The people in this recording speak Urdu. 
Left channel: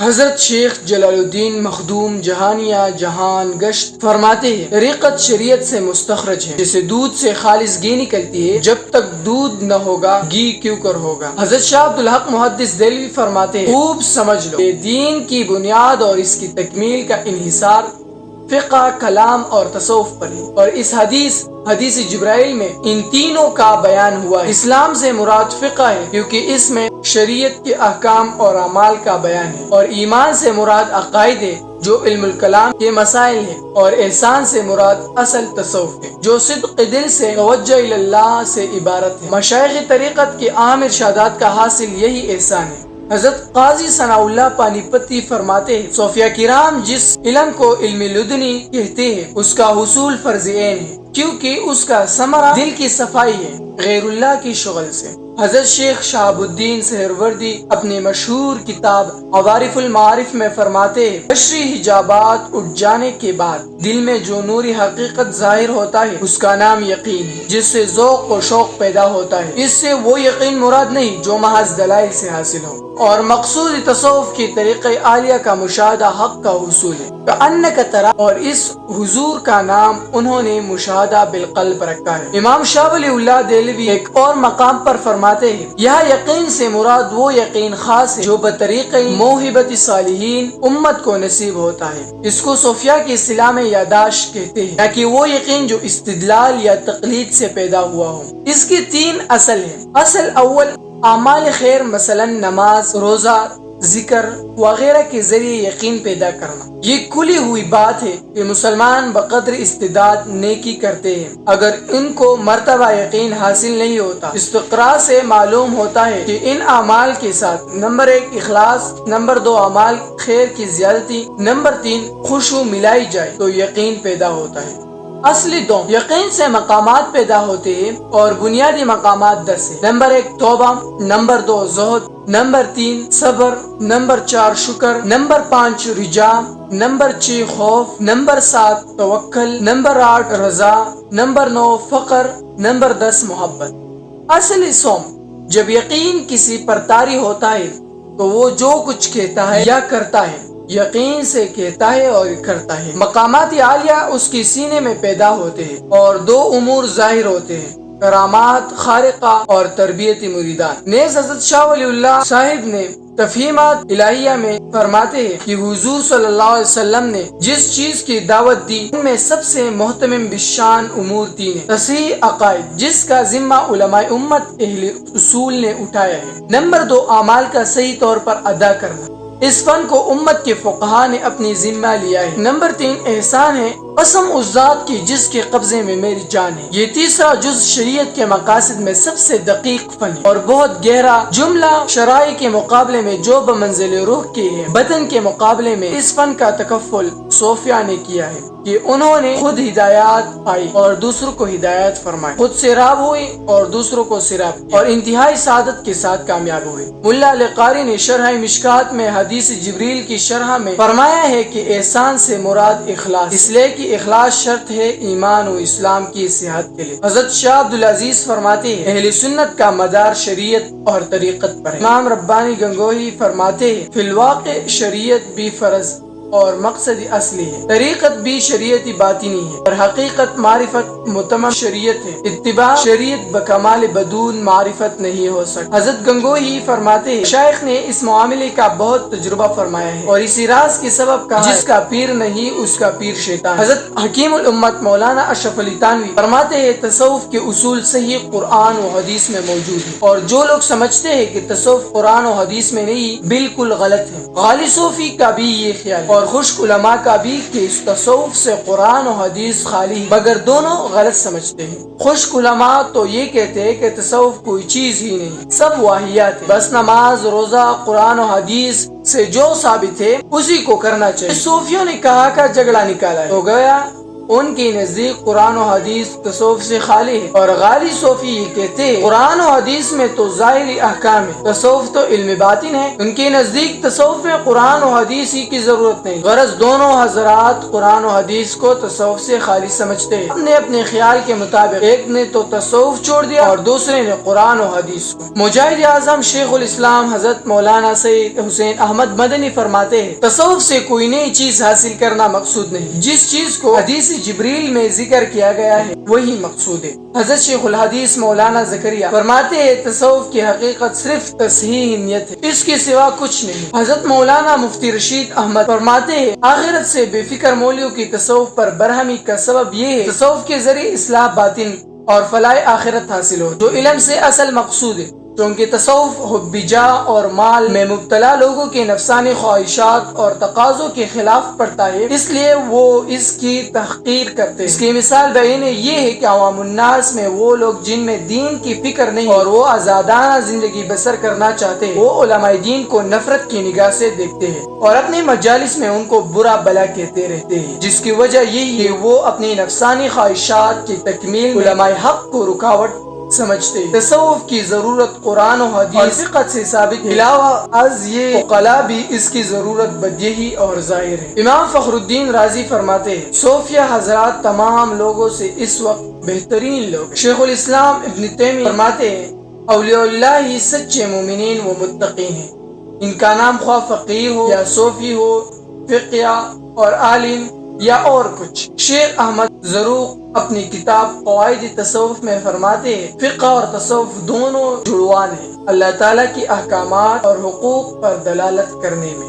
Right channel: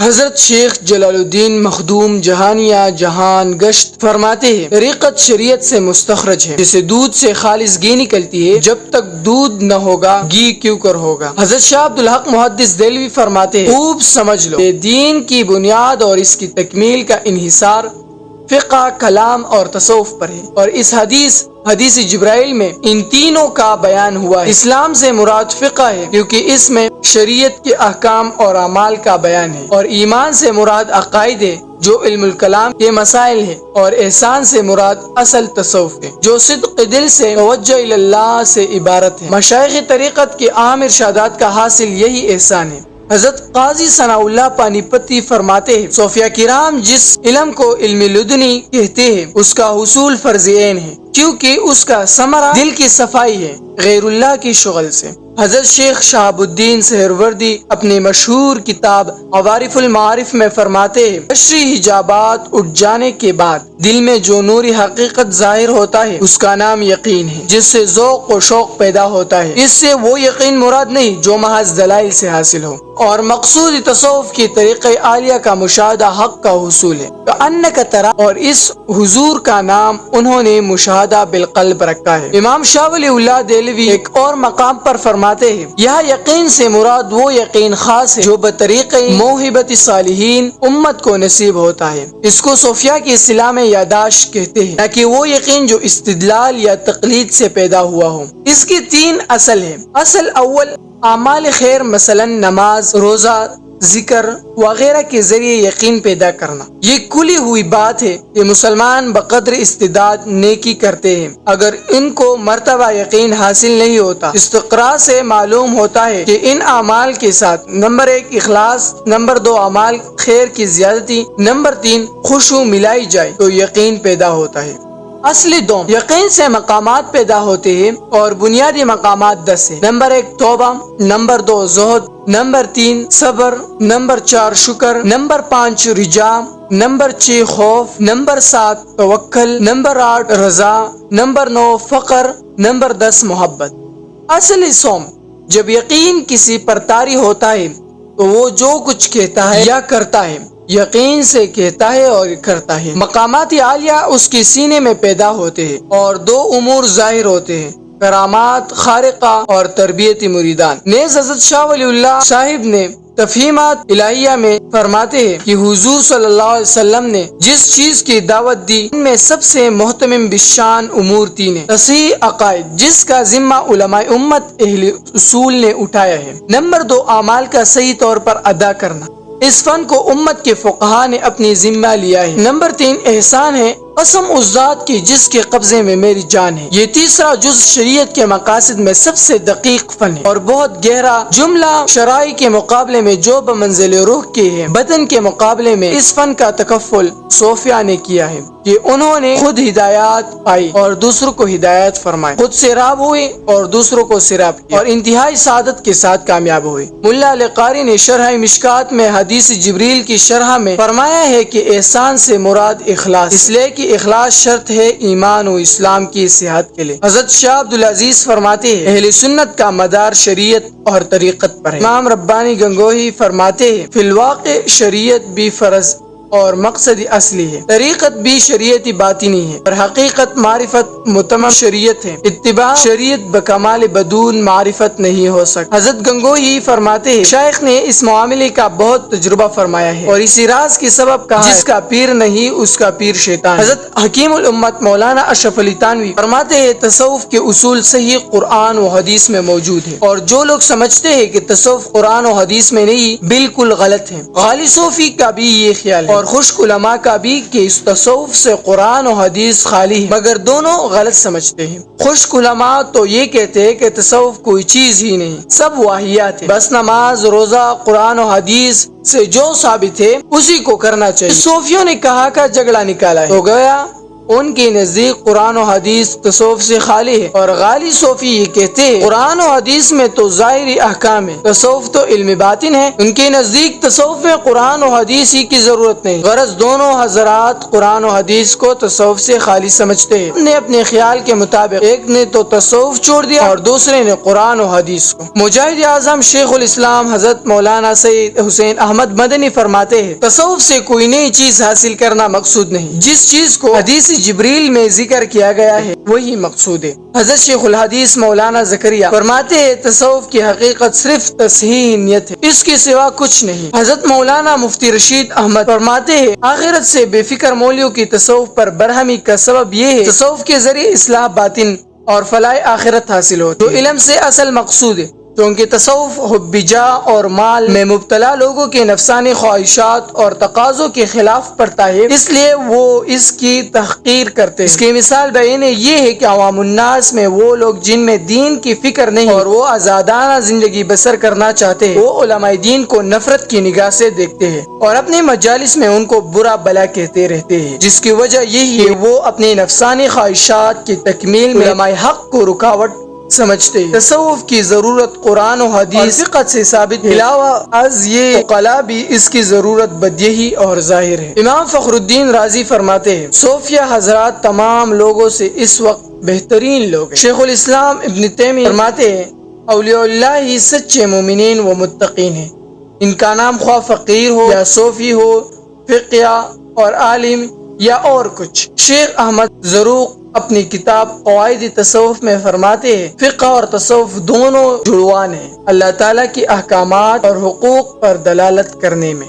حضرت شیخ جلال الدین مخدوم جہانیہ جہان گشت فرماتے ہیں طریقت شریعت سے مستخرج ہے، جیسے دودھ سے خالص گھی نکلتی ہے، جب تک دودھ نہ ہوگا گھی کیوں کر ہوگا۔ حضرت شاہ عبدالحق محدث دہلوی فرماتے ہیں خوب سمجھ لو کہ دین کی بنیاد اور اس کی تکمیل کا انحصار فقہ، کلام اور تصوف پر ہے، اور اس حدیث جبرائیل میں ان تینوں کا بیان ہوا ہے۔ اسلام سے مراد فقہ ہے کیونکہ اس میں شریعت کے احکام اور اعمال کا بیان ہے، اور ایمان سے مراد عقائد ہے جو علم الکلام کے مسائل ہیں، اور احسان سے مراد اصل تصوف ہے جو صدق دل سے توجہ اللہ سے عبارت ہے۔ مشائخ طریقت کے عام ارشادات کا حاصل یہی احسان ہے۔ حضرت قاضی ثناء اللہ پانی پتی فرماتے ہیں صوفیہ کرام جس علم کو علم لدنی کہتے ہیں اس کا حصول فرض عین ہے، کیونکہ اس کا ثمرہ دل کی صفائی ہے غیر اللہ کی شغل سے۔ حضرت شیخ شہاب الدین سہروردی اپنی مشہور کتاب عوارف المعارف میں فرماتے ہیں بشری حجابات اٹھ جانے کے بعد دل میں جو نوری حقیقت ظاہر ہوتا ہے اس کا نام یقین ہے، جس سے ذوق و شوق پیدا ہوتا ہے۔ اس سے وہ یقین مراد نہیں جو محض دلائل سے حاصل ہو، اور مقصود تصوف کی طریقہ عالیہ کا مشاہدہ حق کا حصول ہے کأنک ترا، اور اس حضور کا نام انہوں نے مشاہدہ بالقلب رکھا ہے۔ امام شاہ ولی اللہ دہلوی ایک اور مقام پر فرماتے ہیں یہ یقین سے مراد وہ یقین خاص ہے جو بطریقہ موہبت صالحین امت کو نصیب ہوتا ہے۔ اس کو صوفیہ کی اصطلاح میں یاداشت کہتے ہیں، تاکہ وہ یقین جو استدلال یا تقلید سے پیدا ہوا ہو۔ اس کی 3 اصل ہیں۔ اصل اول اعمال خیر مثلا نماز، روزہ، ذکر وغیرہ کے ذریعے یقین پیدا کرنا۔ یہ کھلی ہوئی بات ہے کہ مسلمان بقدر استعداد نیکی کرتے ہیں، اگر ان کو مرتبہ یقین حاصل نہیں ہوتا۔ استقراء سے معلوم ہوتا ہے کہ ان اعمال کے ساتھ نمبر 1 اخلاص، نمبر 2 اعمال خیر کی زیادتی، نمبر 3 خشوع ملائی جائے تو یقین پیدا ہوتا ہے۔ اصلی 2 یقین سے مقامات پیدا ہوتے ہیں، اور بنیادی مقامات 10 ہیں۔ نمبر 1 توبہ، نمبر 2 زہد، نمبر 3 صبر، نمبر 4 شکر، نمبر 5 رجا، نمبر 6 خوف، نمبر 7 توکل، نمبر 8 رضا، نمبر 9 فقر، نمبر 10 محبت۔ اصلی سوم جب یقین کسی پر طاری ہوتا ہے تو وہ جو کچھ کہتا ہے یا کرتا ہے یقین سے کہتا ہے اور کرتا ہے۔ مقامات عالیہ اس کے سینے میں پیدا ہوتے ہیں، اور 2 امور ظاہر ہوتے ہیں، کرامات خارقہ اور تربیتی مریدان۔ نیز حضرت شاہ ولی اللہ صاحب نے تفہیمات الہیہ میں فرماتے ہیں کہ حضور صلی اللہ علیہ وسلم نے جس چیز کی دعوت دی ان میں سب سے محتمم بالشان امور 3 ہیں۔ تصحیح عقائد جس کا ذمہ علماء امت اہل اصول نے اٹھایا ہے۔ نمبر 2 اعمال کا صحیح طور پر ادا کرنا، اس فن کو امت کے فقہا نے اپنی ذمہ لیا ہے۔ نمبر 3 احسان ہے، قسم اس ذات کی جس کے قبضے میں میری جان ہے۔ یہ تیسرا جز شریعت کے مقاصد میں سب سے دقیق فن ہے اور بہت گہرا۔ جملہ شرائع کے مقابلے میں جو بمنزل روح کے ہیں، بدن کے مقابلے میں اس فن کا تکفل صوفیہ نے کیا ہے کہ انہوں نے خود ہدایات پائی اور دوسروں کو ہدایت فرمائی، خود سیراب ہوئے اور دوسروں کو سیراب کیا، اور انتہائی سعادت کے ساتھ کامیاب ہوئے۔ ملا علی قاری نے شرح مشکات میں حدیث جبریل کی شرح میں فرمایا ہے کہ احسان سے مراد اخلاص، اس لیے کہ اخلاص شرط ہے ایمان و اسلام کی صحت کے لیے۔ حضرت شاہ عبدالعزیز فرماتے ہیں اہل سنت کا مدار شریعت اور طریقت پر ہے۔ امام ربانی گنگوہی فرماتے ہیں فی الواقع شریعت بھی فرض اور مقصد اصلی ہے، طریقت بھی شریعتی باطنی ہے، اور حقیقت معرفت متمم شریعت ہے۔ اتباع شریعت بکمال بدون معرفت نہیں ہو سکتا۔ حضرت گنگوہی فرماتے ہیں شیخ نے اس معاملے کا بہت تجربہ فرمایا ہے اور اسی راز کی سبب کہا جس کا پیر نہیں اس کا پیر شیطان۔ حضرت حکیم الامت مولانا اشرف علی تھانوی فرماتے ہیں تصوف کے اصول صحیح قرآن و حدیث میں موجود ہیں، اور جو لوگ سمجھتے ہیں کہ تصوف قرآن و حدیث میں نہیں بالکل غلط ہیں۔ غالی صوفی کا بھی یہ خیال ہے اور خشک علماء کا بھی کہ اس تصوف سے قرآن و حدیث خالی ہے، مگر دونوں غلط سمجھتے ہیں۔ خشک علماء تو یہ کہتے ہیں کہ تصوف کوئی چیز ہی نہیں، سب واہیات ہے، بس نماز، روزہ، قرآن و حدیث سے جو ثابت ہے اسی کو کرنا چاہیے۔ صوفیوں نے کہا کا جھگڑا نکالا ہے تو گویا ان کے نزدیک قرآن و حدیث تصوف سے خالی ہے، اور غالی صوفی یہ کہتے ہیں قرآن و حدیث میں تو ظاہری احکام ہے، تصوف تو علم باطن ہے۔ ان کے نزدیک تصوف میں قرآن و حدیث ہی کی ضرورت نہیں۔ غرض دونوں حضرات قرآن و حدیث کو تصوف سے خالی سمجھتے ہیں۔ اپنے اپنے خیال کے مطابق ایک نے تو تصوف چھوڑ دیا اور دوسرے نے قرآن و حدیث کو۔ مجاہد اعظم شیخ الاسلام حضرت مولانا سید حسین احمد مدنی فرماتے ہیں تصوف سے کوئی نئی چیز حاصل کرنا مقصود نہیں، جس چیز کو حدیث جبریل میں ذکر کیا گیا ہے وہی مقصود ہے۔ حضرت شیخ الحدیث مولانا زکریا فرماتے ہیں تصوف کی حقیقت صرف تصحیح نیت ہے، اس کے سوا کچھ نہیں۔ حضرت مولانا مفتی رشید احمد فرماتے ہیں آخرت سے بے فکر مولیوں کی تصوف پر برہمی کا سبب یہ ہے تصوف کے ذریعے اصلاح باطن اور فلاح آخرت حاصل ہوتی ہے، جو علم سے اصل مقصود ہے، کیونکہ تصوف حب جاہ اور مال میں مبتلا لوگوں کے نفسانی خواہشات اور تقاضوں کے خلاف پڑتا ہے، اس لیے وہ اس کی تحقیر کرتے ہیں۔ اس کی مثال بعینہ یہ ہے کہ عوام الناس میں وہ لوگ جن میں دین کی فکر نہیں اور وہ آزادانہ زندگی بسر کرنا چاہتے ہیں، وہ علماء دین کو نفرت کی نگاہ سے دیکھتے ہیں اور اپنے مجالس میں ان کو برا بلا کہتے رہتے ہیں، جس کی وجہ یہی ہے وہ اپنی نفسانی خواہشات کی تکمیل میں علماء حق کو رکاوٹ سمجھتے ہیں۔ تصوف کی ضرورت قرآن و حدیث فقہ سے ثابت ہے، علاوہ از یہ عقلاء بھی اس کی ضرورت بدیہی اور ظاہر ہے۔ امام فخر الدین رازی فرماتے ہیں صوفیہ حضرات تمام لوگوں سے اس وقت بہترین لوگ ہیں۔ شیخ الاسلام ابن تیمیہ فرماتے ہیں اولیاء اللہ ہی سچے مومنین و متقین ہیں، ان کا نام خواہ فقیر ہو یا صوفی ہو، فقیہ اور عالم یا اور کچھ۔ شیخ احمد زروق اپنی کتاب قواعد تصوف میں فرماتے ہیں فقہ اور تصوف دونوں جڑوان ہیں اللہ تعالیٰ کی احکامات اور حقوق پر دلالت کرنے میں۔